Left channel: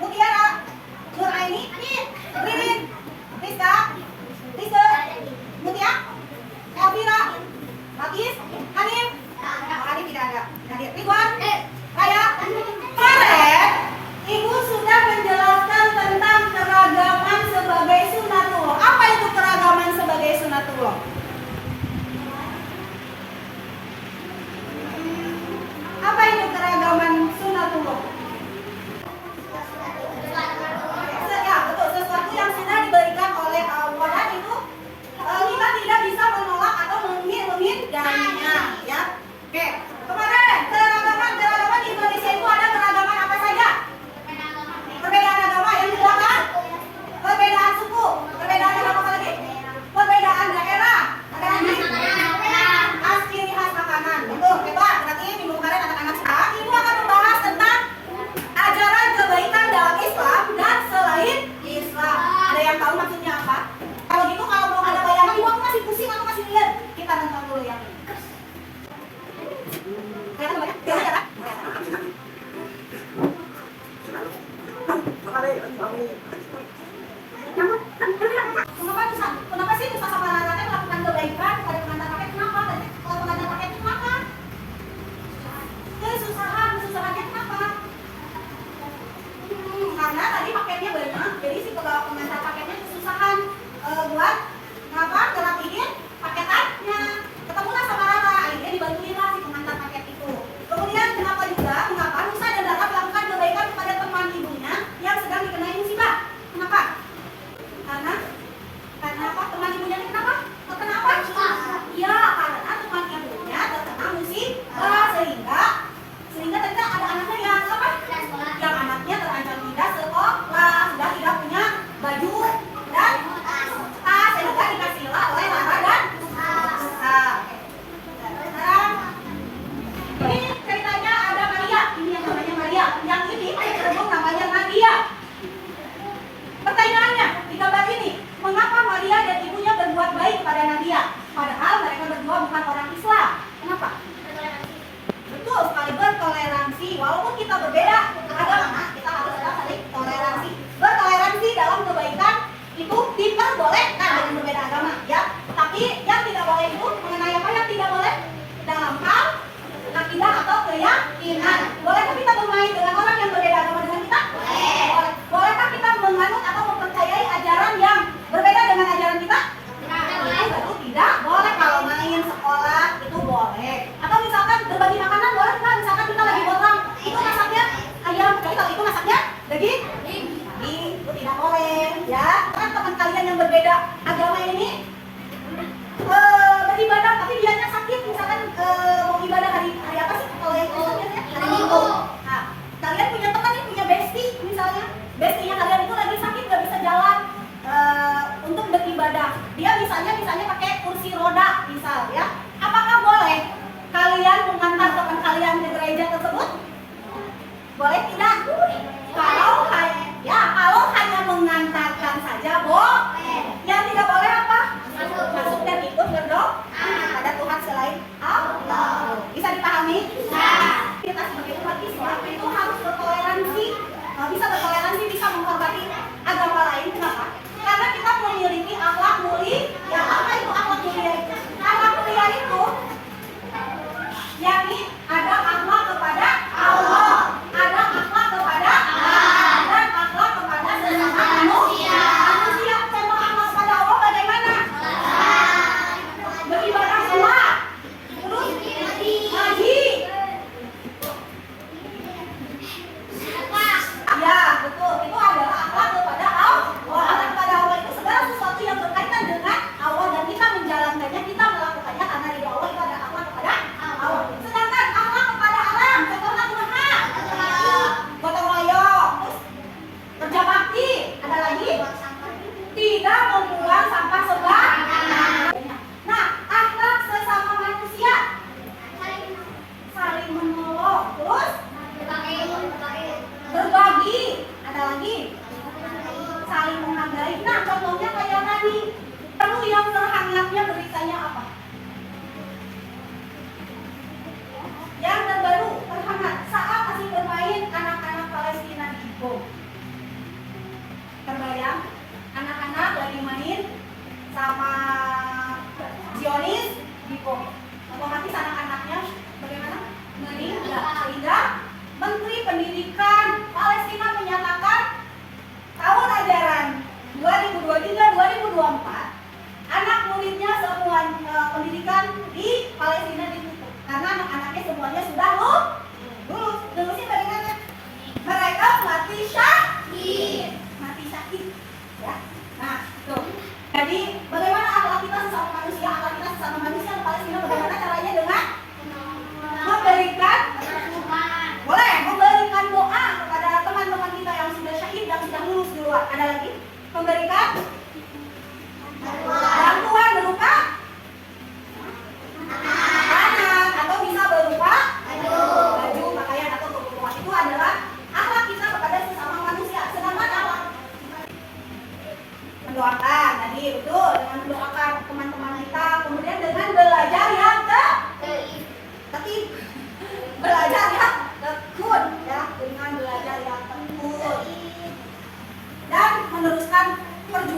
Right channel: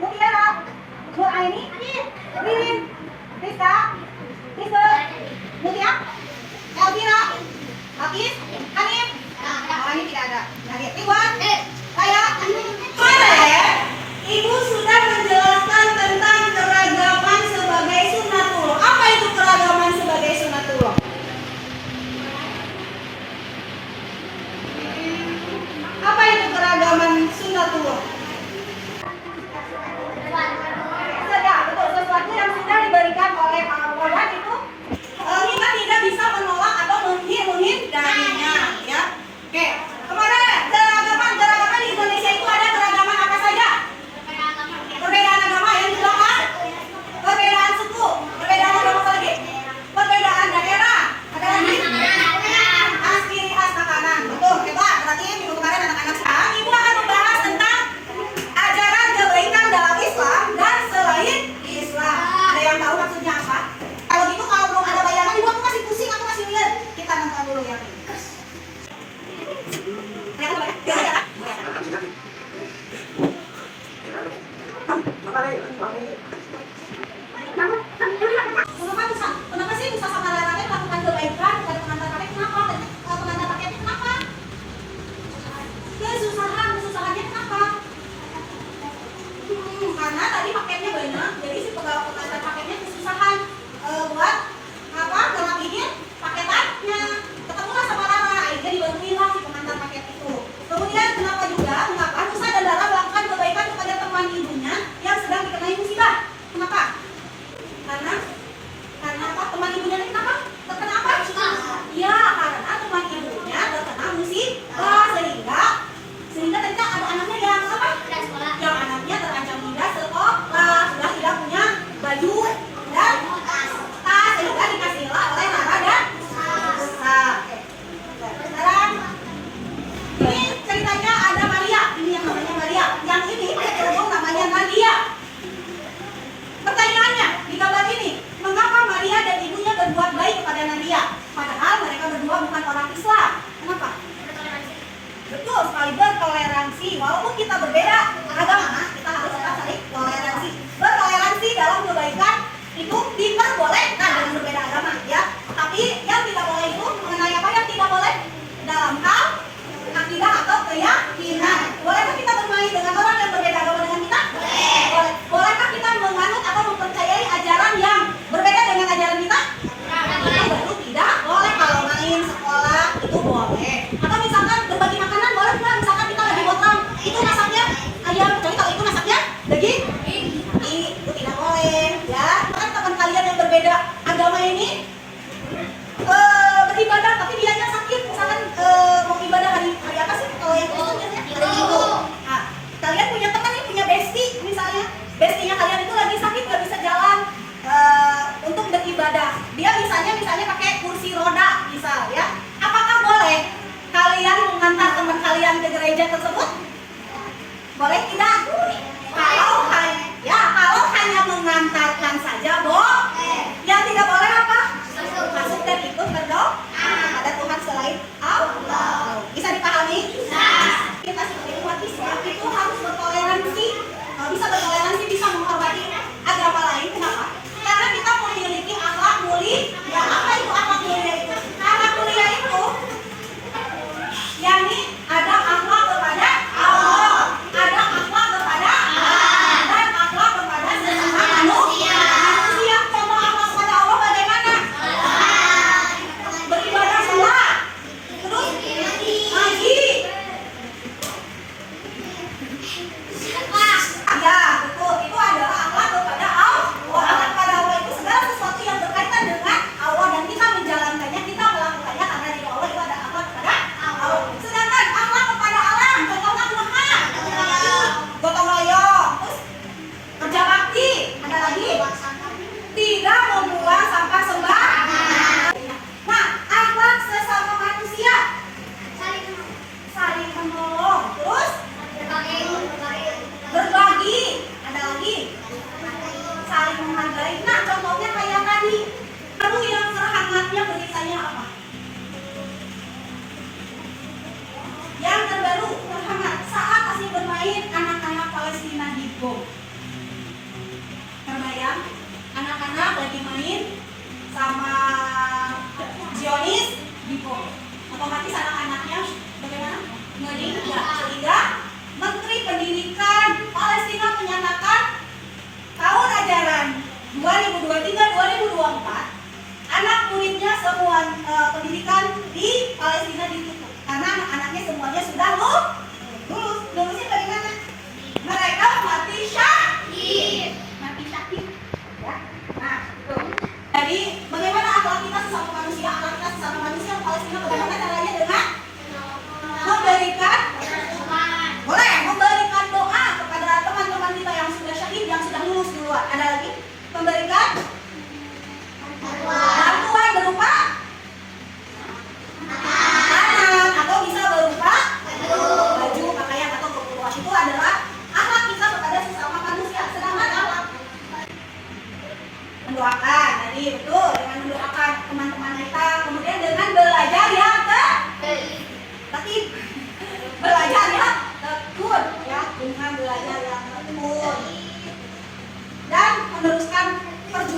Mutiara, Nuraini, Ririn, Rizka, Rizal, Mutia, Elvira, Hafiz, Hanif. Hanif tidak ada. Hadir. Ridwan, Raya. Kemarin Ibu sudah menjelaskan tentang keragaman sebagai sunatullah. Apa itu keragaman sebagai sunatullah? Apa itu keragaman sunatullah? Ya, betul, sesuatu yang sudah diberikan oleh Al-Quran itu kita tidak bisa menolak atau menghindarinya, ya. Oke, kemarin keragaman di Indonesia itu ada keragaman apa saja? Perbedaan agama yang di belakang, perbedaan suku, perbedaan agama apa lagi? Perbedaan daerah, ada lagi? Ciri khas makanan, betul, hebat. Berarti minggu kemarin anak-anak sekarang Ibu akan membahas tentang ajaran kebaikan dalam Islam dan selain Islam. Ada yang tahu maksudnya apa? Kalau gitu kalau belum ada bayangan Ibu aku masih pusing, aku masih lihat. Kita nonton dulu yang ini. Kenapa sih Nusa sama Rara melakukan kebaikan kepada pengantar kakek? Kenapa? Pengantar kakeknya kenapa? Kesusahannya kenapa? Karena tadi paketnya banyak, jadi si pengantar paketnya kesusahan buat apa? Ngerapihin paketannya. Ketemulah sama Rara, akhirnya dibantuin lah si pengantar paket itu. Kemudian kenapa juga? Mengapa Nusa dan Rara melakukan kebaikan kepada teman ibunya yang sedang dikenai musibah? Kenapa? Karena apa? Teman ibunya kenapa? Terkena apa? Ya, karena teman ibunya terkena musibah sehingga ternyata ada anaknya yang apa? Yang anaknya terancam tidak sekolah, sudah tidak punya baju dan tas, sehingga dikasihlah oleh Rara dan Nusa. Sekarang ini ceritanya ada Maria, ini yang namanya Maria, yang ini kerudung namanya Nadia. Pertanyaannya di gambar ini, mengapa Maria dan ibunya berbuat baik kepada Nadia? Padahal mereka berdua bukan orang Islam. Kenapa? Betul sekali, bertoleransi. Walaupun kita berbeda agama, kita harus saling toleransi. Bertoleransi dalam kebaikan itu diperbolehkan dengan berbeda agama, ya. Tapi yang tidak boleh itu mengenai apa yang tidak boleh dalam hal akidah atau keyakinan. Bolehkah kita bermain dengan orang yang berbeda agama dengan kita? Boleh. Bolehkah kita menganut atau mempercayai ajaran yang berbeda dengan ajaran kita? Itu baru tidak boleh. Kalau main sekolah itu boleh. Atau misalkan berbagi makanan boleh nggak? Misalkan kita lagi potong, itu masaknya ayam, kecuali kalau itu masaknya daging, itu tidak boleh. Ya, kan teman kalian yang berbeda agama ini beribadah, tapi dianya sakit. Misalkan mau ibadah hari apa sih? Kalau yang itu biasanya hari Minggu. Nah, kalian punya teman nih, punya bestie misalnya. Bestinya kalian itu lagi sakit, nggak bisa jalan untuk beribadah. Dia misalnya pakai kursi roda, misal ya. Apakah boleh kalian mengantar teman kalian ke gereja tersebut? Boleh tidak? Kalau hanya mengantarkan saja boleh. Yang tidak boleh apa? Masuk dan ikut berdoa kepada Tuhan selain Allah. Bisa dipahami? Bisa. Kita sebagai umat Islam itu harus bertoleransi. Bisa bertoleransi, bisa menghormati agama lain. Kenapa? Karena kita memiliki akhlak mulia. Apa itu akhlak mulia itu? Akhlak mulia itu yakni ada akhlak kepada Allah, ada akhlak kepada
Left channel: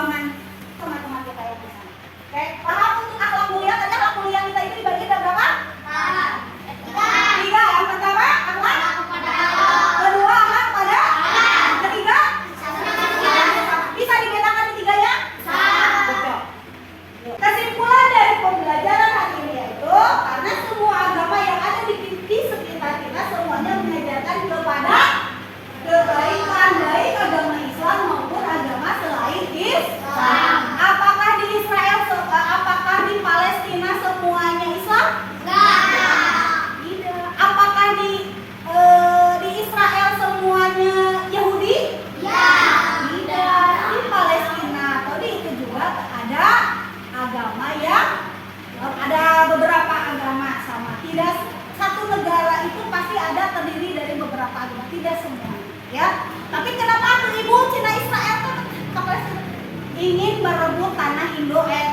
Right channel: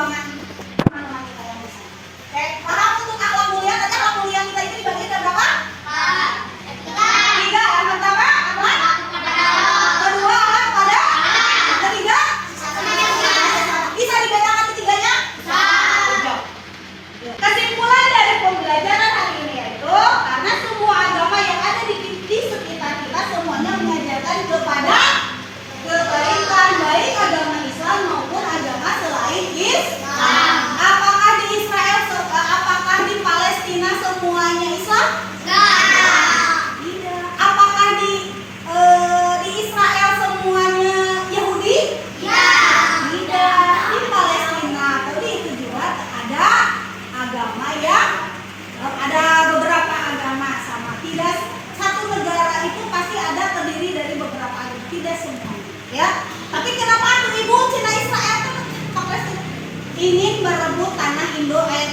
perjuangan teman-teman kita yang besar. Oke, paham untuk akhlak mulia? Tadi akhlak mulia kita itu dibagi dari berapa? Tiga. Yang pertama akhlak kedua akhlak pada ketiga bisa dibedakan ketiganya? Kesimpulan dari pembelajaran hari ini yaitu karena semua agama yang ada di sekitar kita semuanya mengajarkan kepada kebaikan, baik agama Islam maupun agama selain Islam. Apakah di Israel, apakah di Palestina semuanya Islam? Tidak. Apakah di Israel semuanya Yahudi? Tidak. Di Palestina atau di itu juga ada agama yang ada beberapa agama sama. Tidak satu negara itu pasti ada terdiri dari beberapa agama, tidak semua. Ya, tapi kenapa tuh ibu Cina Israel tuh ingin merebut tanah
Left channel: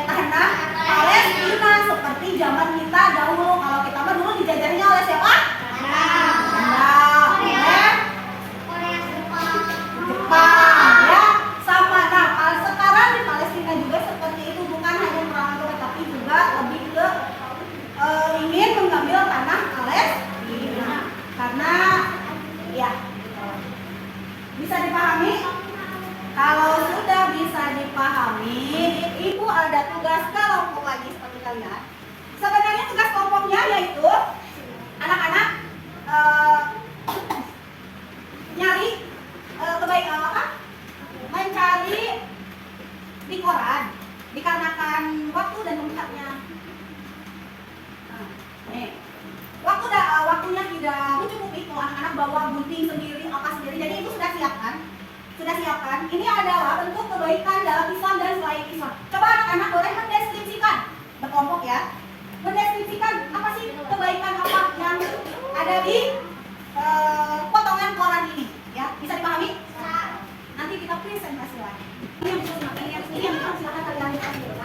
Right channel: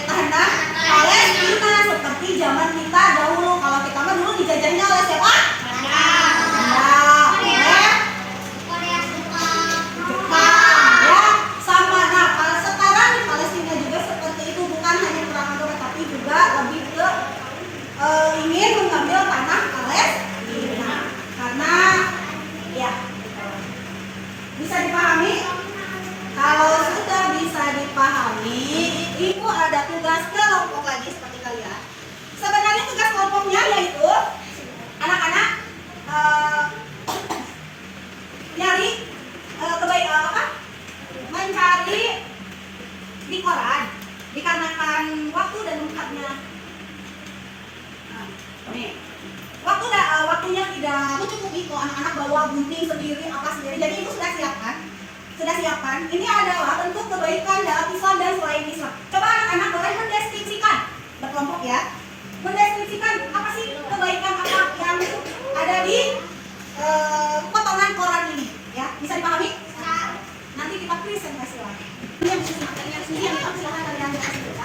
tanah Palestina seperti zaman kita dahulu? Kalau kita mah dulu dijajahnya oleh siapa? Oleh Jepang, ya sama. Nah, sekarang di Palestina juga seperti itu, bukan hanya perang agama tapi juga lebih ke ingin mengambil tanah Palestina karena ya. Bisa dipahami? Kalau sudah bisa dipahami, ibu ada tugas kelompok lagi seperti kalian. Sebenarnya tugas kelompoknya yaitu anak-anak nyari mencari di koran dikarenakan waktu dan tempatnya. Nih. Waktunya tidak mencukupi kalau anak-anak bawa gunting sendiri, apa sendiri. Jadi itu sudah siapkan. Ini adalah bentuk kebaikan dalam Islam dan selain Islam. Coba anak-anak boleh mendeskripsikan, berkelompok ya. Mendeskripsikan apa sih kebaikan apa yang ada di potongan koran ini, ya. Bisa dipahami? Nanti kita presentasi lagi. Ini yang bisa dimakai, ini yang silakan kalian kasih.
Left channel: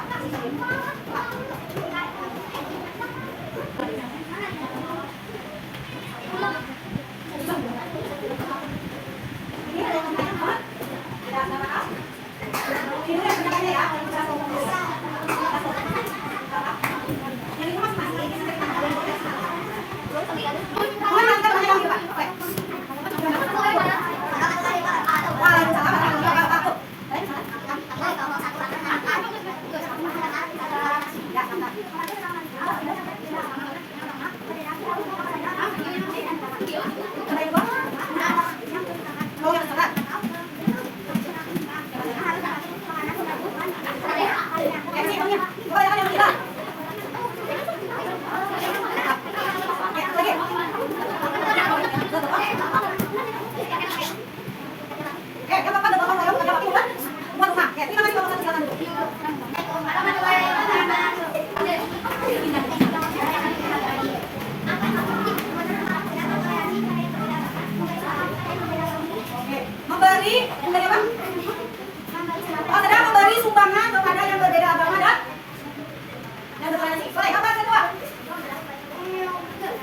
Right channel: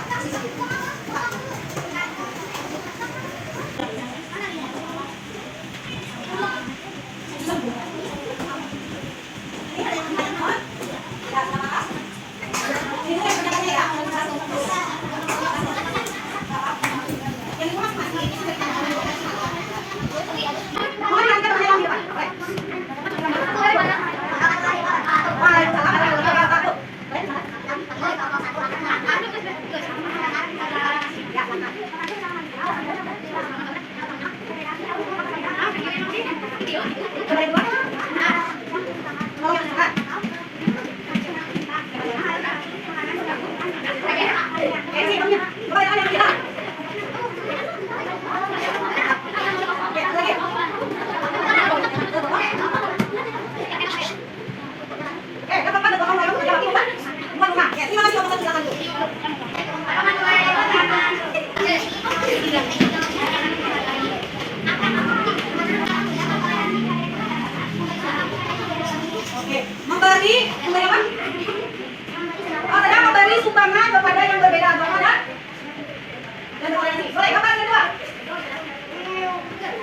Memberi sumbangan kepada yang berbeda agama dan toleransi. Boleh, apa yang kedua?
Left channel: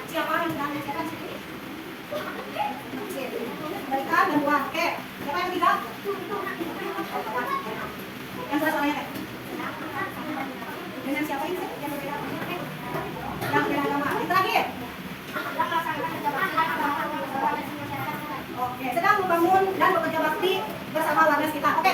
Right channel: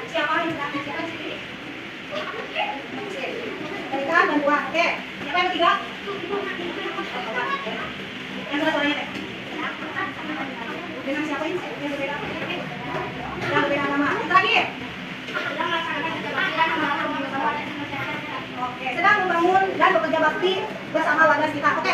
Siapa yang bilang? Berikan bantuan. Oke. Siapa yang ketiga? Yang sudah suaranya. Dengan siapa ini? Yang berbeda agama. Yang berbeda agama. Yang terakhir. Oke, sedang membangun dan bekerja bakti bersama warga kita. Oke,